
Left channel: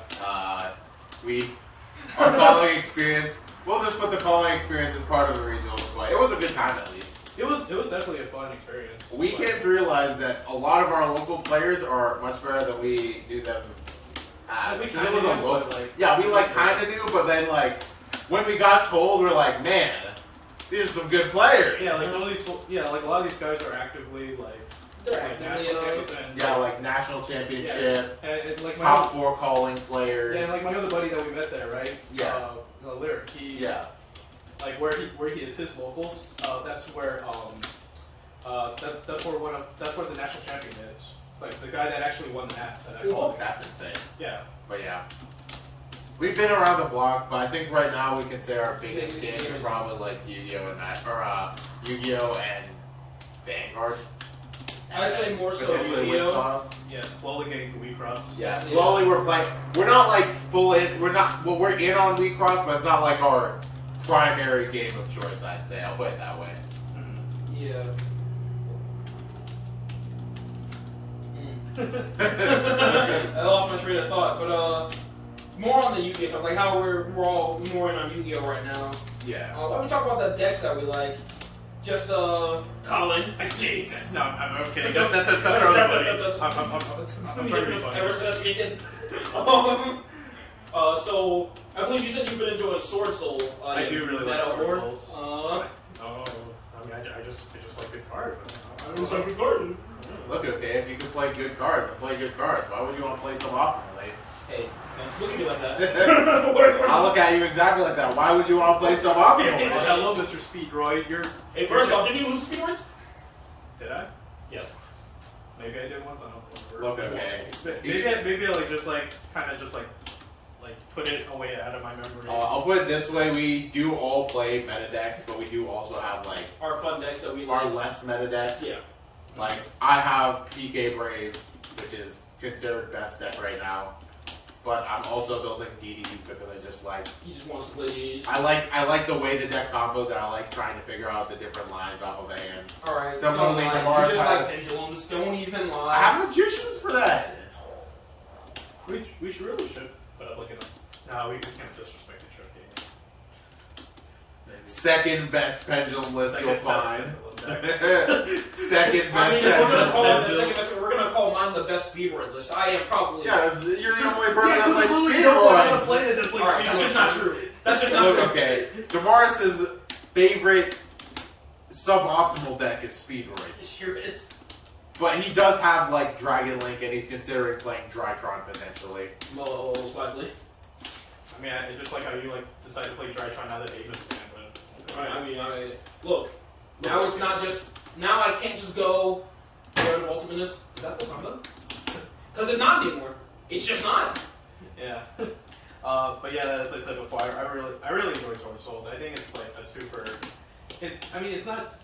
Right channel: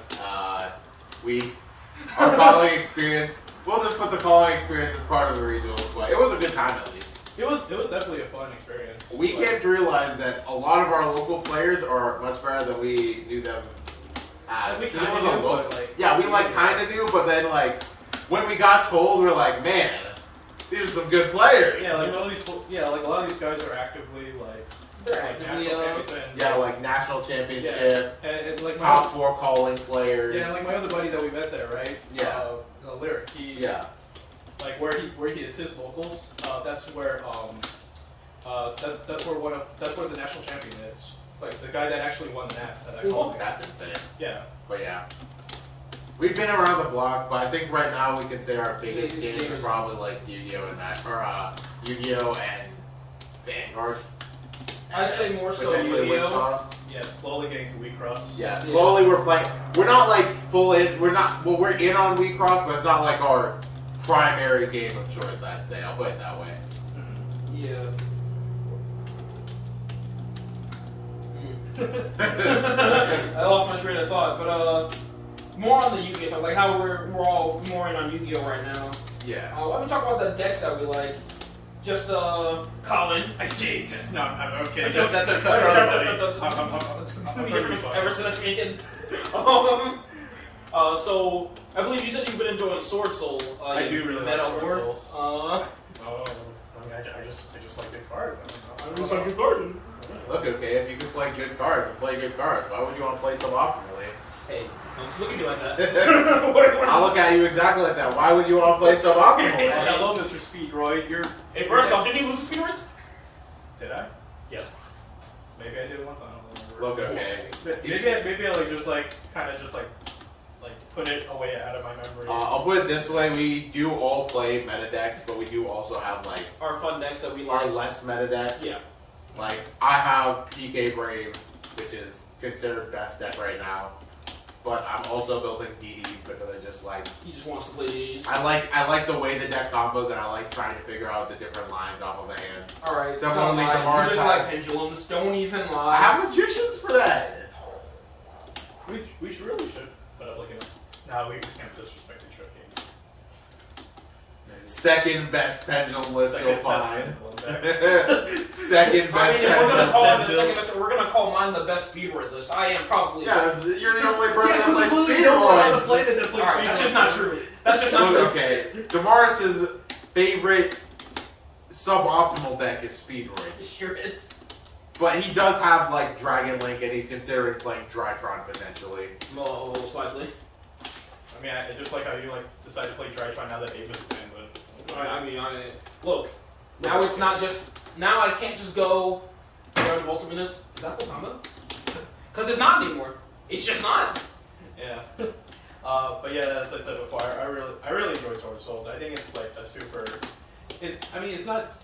Our calling experience. We'll just put the calling experience as part of the regional play. It was a good time at least. It was definitely a fun experience. We But- came to realize that a lot of our local players are much better than we knew them as. Like, we 'Cause it kinda was a knew, local. but, like, Yeah, we like kind of knew, but then like when we got told, we're like, man, these are some good players. Yeah, like some of these, like a lot of these guys are actively like They're like actively, national champions and Yeah, like national championship, and like my top other, 4 calling players. yeah, like my other buddy that we met there, right? Yeah. Lyric. He Yeah. like where he is his locals. That's where that's where the national champion is. Like the guy that actually won the Nats at that Cool. call. That's insane. Yeah. But yeah. We've been around the block, but I think right now we can say our biggest Biggest games are games. probably like Yu-Gi-Oh and Yu-Gi-Oh and Vanguard. I say more so potentially Yu-Gi-Oh. Witch Sauce. Yeah. Slowly getting to Wheat Cross. Yeah, slowly we're playing. We're not like full in. We're not. Well, we're in on Wheat Cross, but it's not like our primary game of choice. I'd say. I'll put it that way. Yeah. I lost my train of thought, but more on the Yu-Gi-Oh stuff, like how we're all more in on Yu-Gi-Oh right now. Yeah. Why don't we talk about the decks that we like? Just Colin. Jesus, no, I'm okay. That's I'm pretty fine. ever since the beginning. So I believe you said you've been enjoying Sword Soul. I do really like Meta Sword War. Souls. Uh, Oh, I mean, I just like good cards. I just like good cards. Look, okay, if you can play good cards and play good cards, why would you want to play suboptimally? hey, don't look at you like that. What- I'll look at you exactly like that. Why would you want to play suboptimally? Hello, Mr. Speedroid. You're. Hey, first off, did you lose the speedruns? Did I? Yes. Maybe I did once. I don't remember. Look, okay. Maybe I like just like kind of just like put it away out of my memory. I'll put it this way: we do all play meta decks, but we do also have like Our fun decks that we like. our less meta decks. Yeah. Like I have PK Brave, which is considered best deck right now, but I'm also building DDs because I just like He just wants to play these. I like the way the deck combos, and I like trying to figure out the different lines off of the hand. Alright, Similarly, don't lie. Damaris You just has- like pendulums. Don't even lie. I have magicians for that. We really should put up like a. No, we can't disrespect the trick game. Maybe. Second best pendulum list Second you'll best find. pendulum deck. Second I best mean, if we're gonna call it the pendulum. second best, we're gonna call mine the best speedrun list. I am probably. Yeah, you're the only person Yeah, that 'cause plays you literally don't know how to speedruns. play it. Alright, that's just not true. That's just not Look, true. okay. Damaris's favorite suboptimal deck is Speedroids. Here it is. But he does have like Dragon Link, and he's considering playing Drytron potentially. Most likely. I mean, I just like how you like decided to play Drytron now that Abe is banned, but Look. Now it's not just. Now I can't just go. Where the ultimate is that full combo? Because it's not anymore. It's just not. yeah. But yeah, as I said before, I really enjoy Sword Souls. I think it's like a super. I mean, it's not.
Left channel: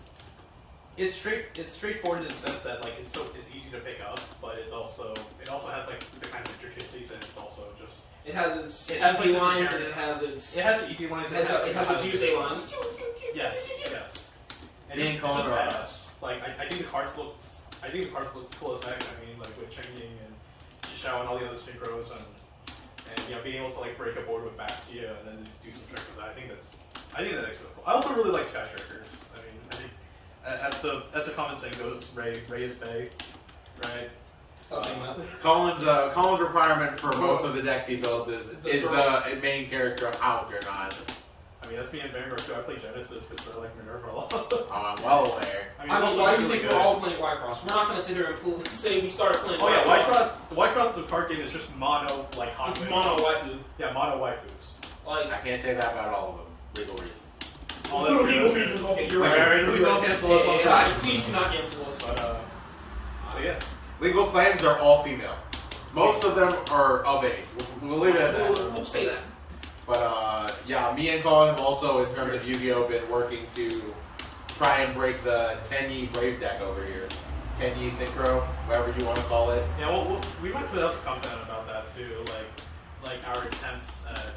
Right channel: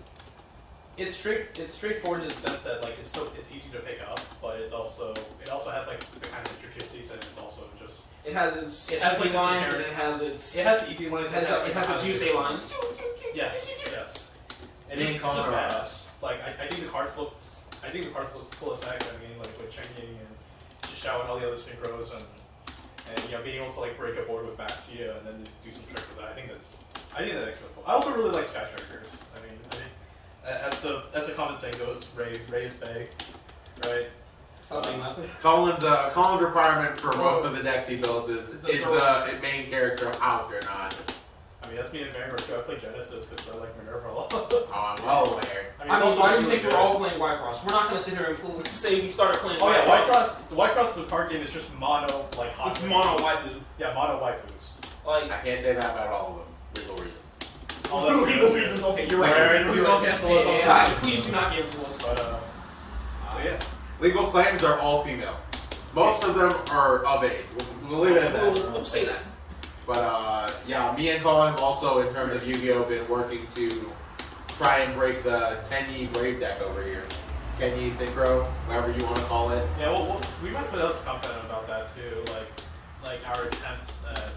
It's straightforward in the sense that like it's easy to pick up, but it also has like the kind of intricacies, and it's also just. It has its It has, easy like, lines, this and it has its. It has easy lines. It has its Yusei lines. Yes, yes. And Being it's just called around. badass. Like I think the cards looks cool as heck. I mean, like with Chengding and Shishao and all the other synchros, and yeah, being able to like break a board with Baxia and then do some tricks with that. I think that's really cool. I also really like Sky Strikers. I mean, as the common saying goes, Ray is Bay, right? Colin's requirement for most of the decks he builds is the main character Algernon. I mean, that's me and Vanguard too. I play Genesis because I like Minerva a lot. Oh, I'm well aware. I mean, why do you think we're all playing Whitecross? We're not going to sit here and say we started playing Oh yeah, Whitecross. the Whitecross the card game is just mono like hot. It's mono waifu. Yeah, mono waifus. Like I can't say that about all of them. Legal reasons. Oh, that's true. legal reasons. Okay, you're right. Alright, please don't cancel us on Yeah, please do not cancel us. But yeah. Legal clans are all female. Most of them are of age. We'll leave it at that. We'll say that. But yeah, me and Colin have also, in terms of Yu-Gi-Oh, been working to try and break the 10-Yi Brave deck over here. 10-Yi Synchro, whatever you want to call it. Yeah, well, we might put out some content about that too, like our attempts at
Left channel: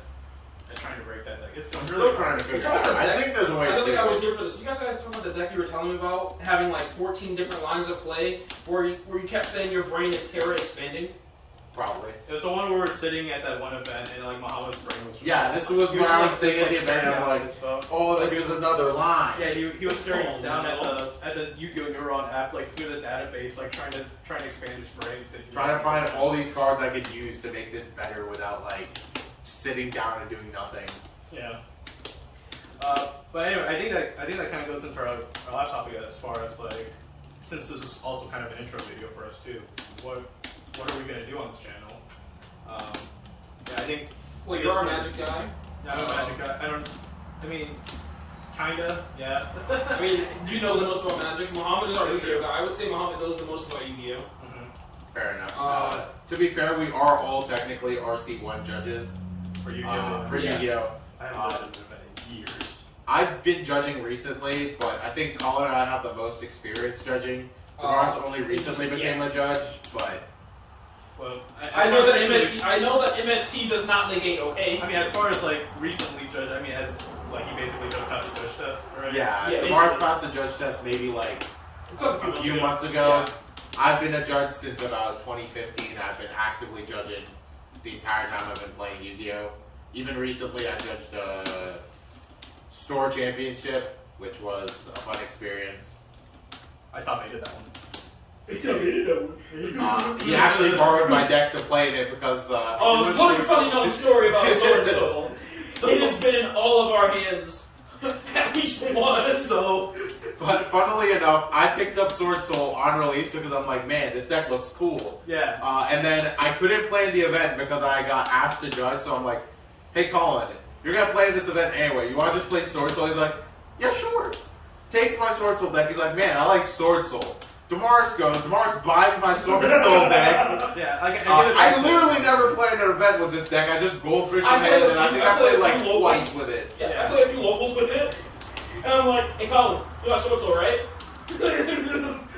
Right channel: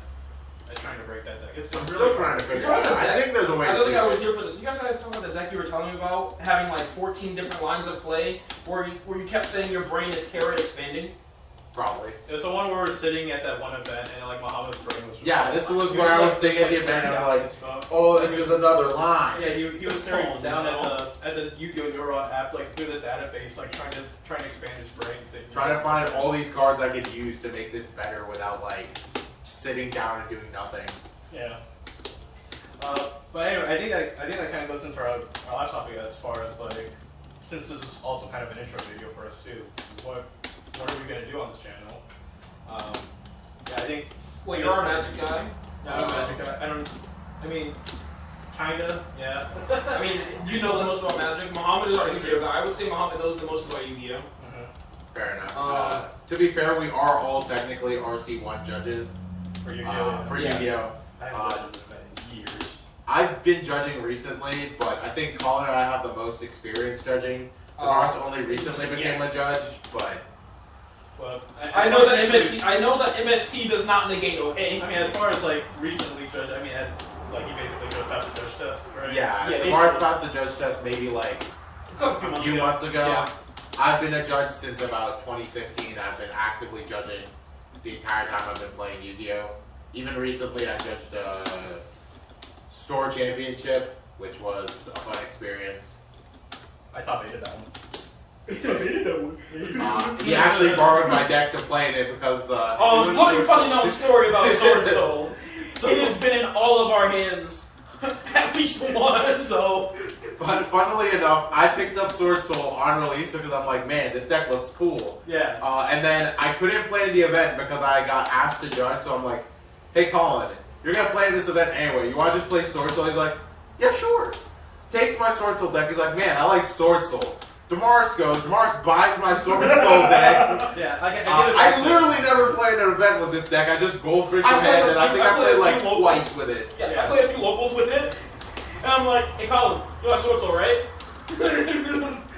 trying to break that deck. I'm really still trying to figure it out. I think there's a way I to don't do think I was it. here for this. You guys talking about the deck you were telling me about having like 14 different lines of play, where you kept saying your brain is Terra expanding. Probably. It was the one where we were sitting at that one event and like Muhammad's brain was just Yeah, this was where I was sitting at the event and I'm like, oh, this is another line. Yeah, he was staring down at the Yu-Gi-Oh! Neuron app, like through the database, like trying to expand his brain. Trying to find all these cards I could use to make this better without like sitting down and doing nothing. Yeah. But anyway, I think that kind of goes into our last topic as far as like, since this is also kind of an intro video for us too. What are we gonna do on this channel? Yeah, I think. Wait, you're a Magic guy? No, I'm a Magic guy. I mean, kinda, yeah. I mean, you know the most about Magic. Muhammad is our Yu-Gi-Oh guy. I would say Muhammad knows the most about Yu-Gi-Oh. Fair enough. To be fair, we are all technically RC1 judges For Yu-Gi-Oh. for Yu-Gi-Oh. I haven't done that in years. I've been judging recently, but I think Colin and I have the most experience judging. Damaris only recently became a judge, but Well, I know that MST does not negate. Okay. I mean, as far as like recently judged, I mean, as like you basically just passed the judge test, right? yeah, Yeah, Damaris basically. passed the judge test maybe like It's like a few months ago. Yeah. I've been a judge since about 2015. I've been actively judging the entire time I've been playing Yu-Gi-Oh! Even recently, I judged a store championship, which was a fun experience. I thought they did that one. He actually borrowed my deck to play in it because Funny known story about Sword Soul. It has been in all of our hands at least once. So, But funnily enough, I picked up Sword Soul on release because I'm like, man, this deck looks cool. yeah. And then I couldn't play in the event because I got asked to judge, so I'm like, hey Colin, you're gonna play in this event anyway, you wanna just play Sword Soul? He's like, yeah, sure. Takes my Sword Soul deck, he's like, man, I like Sword Soul. Damaris buys my Sword Soul deck. Yeah, I literally never played an event with this deck, I just goldfish I ahead, played and I think I played like twice with it. Yeah, I played a few locals with it, and I'm like, hey Colin, you like Sword Soul, right?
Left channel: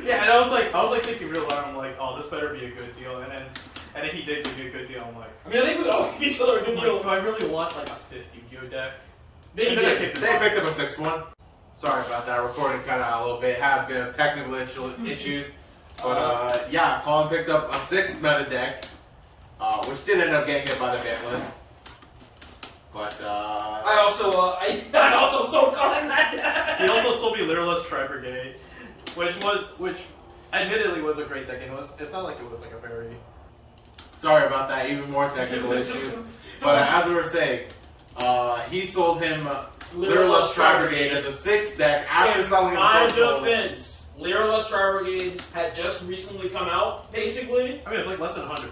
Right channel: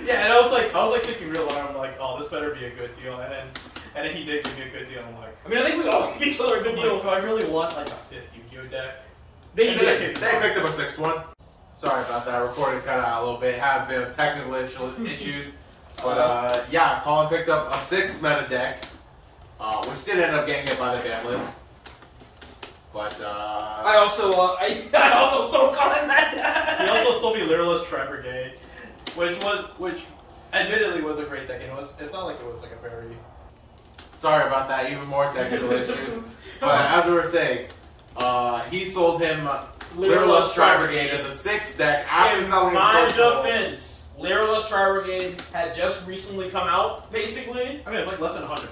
Yeah, and I was like thinking real loud. I'm like, oh, this better be a good deal. And then he did give me a good deal. I'm like, I mean, I think we all give each other a good deal. do I really want like a fifth Yu-Gi-Oh deck? They And did. then I kicked They him picked up a sixth one. Sorry about that, recording cut out a little bit, had a bit of technical issues. But yeah, Colin picked up a sixth meta deck, which did end up getting hit by the ban list. But I also sold Colin that deck. He also sold me Lyraless Tri-Brigade, which admittedly was a great deck. And it's not like it was like a very. sorry about that, even more technical issues. But as we were saying, he sold him Lyraless Tri-Brigade as a sixth deck after selling him my Sword Soul. defense, Lyraless Tri Brigade had just recently come out, basically. I mean, it's like less than $100.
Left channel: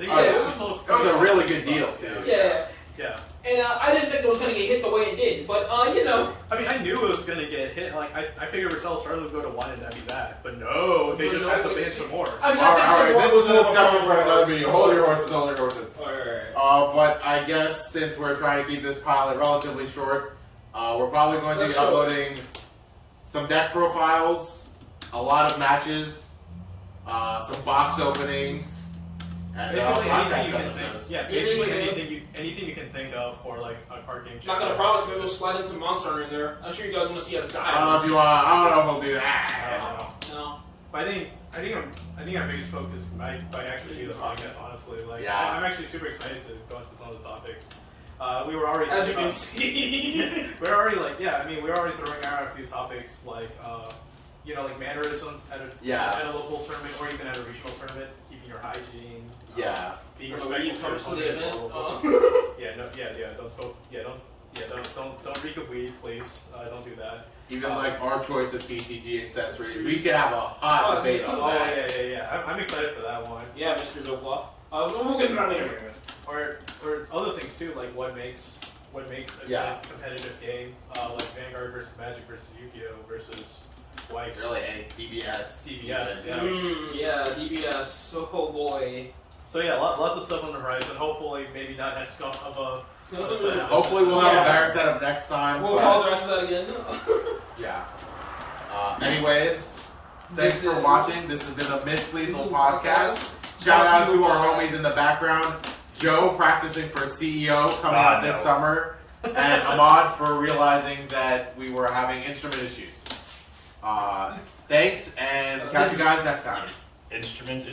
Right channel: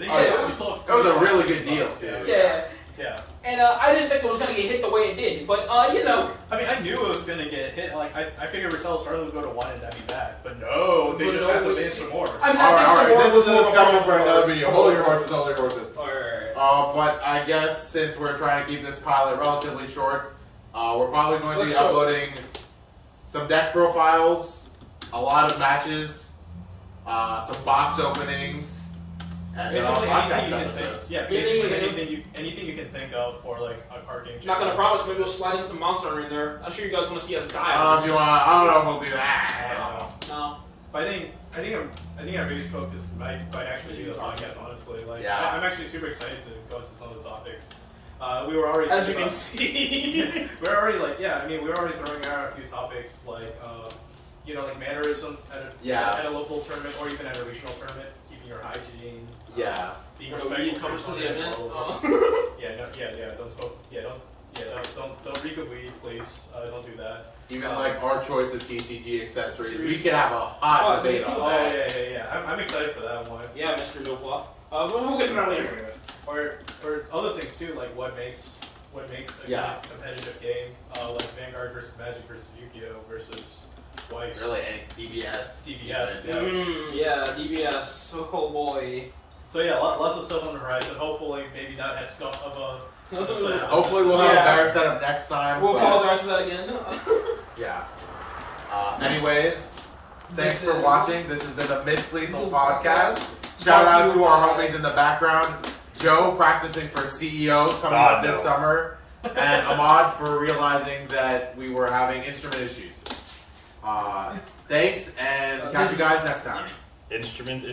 Yeah, Oh, yeah. we sold it That was a really good deal, too. Yeah. Yeah. And I didn't think it was gonna get hit the way it did, but you know. I mean, I knew it was gonna get hit. Like, I figured Resell Starling would go to 1 and that'd be bad. But no, they just had to ban some more. I mean, All I right, think this Samora is a was more discussion of for a- another video. Hold your horses, hold your horses. Alright. But I guess since we're trying to keep this pilot relatively short, we're probably going to be Let's show. uploading some deck profiles, a lot of matches, some box openings, and Basically, podcast anything you can episodes. think. Yeah, basically Anything, anything you can think of for like a card game. Not gonna promise, maybe we'll slide in some Monster Hunter in there. I'm sure you guys want to see us die. I don't know if you want. I don't know if we'll do that. No. But I think our biggest focus might actually be the podcast. Honestly, like Yeah. I'm actually super excited to go into some of the topics. We were already As you thinking can see. we're already like we're already throwing out a few topics like like mannerisms at a local tournament or even at a regional tournament, keeping your hygiene. Yeah. Being When respectful you to come your to the opponent, event. blah, blah, blah. Don't smoke. Don't reek of weed, please. Don't do that. Even like our choice of TCG accessories, we could have a hot debate on Oh that. yeah. I'm excited for that one. Yeah, Mr. Dopeloff. We'll get to that later. Or other things too, like what makes a Yeah. competitive game, like Vanguard versus Magic versus Yu-Gi-Oh versus Weiss. Really, any DBS. DBS, even. yeah. Yeah, DBS. Oh boy. So yeah, lots of stuff on the horizon. Hopefully, maybe not as scuffed of a. Yeah, hopefully we'll have Yeah. a better setup next time. We'll but- apologize for that again. Yeah. Anyways, thanks This for is- watching. This has been a MissLethal podcast. Podcast. Shout Brought out to you to our by- homies in the background. Joe practicing for CEO coming up this no. summer. And Ahmad for realizing that we were having instrument issues. Thanks and catch you guys next time. Instrument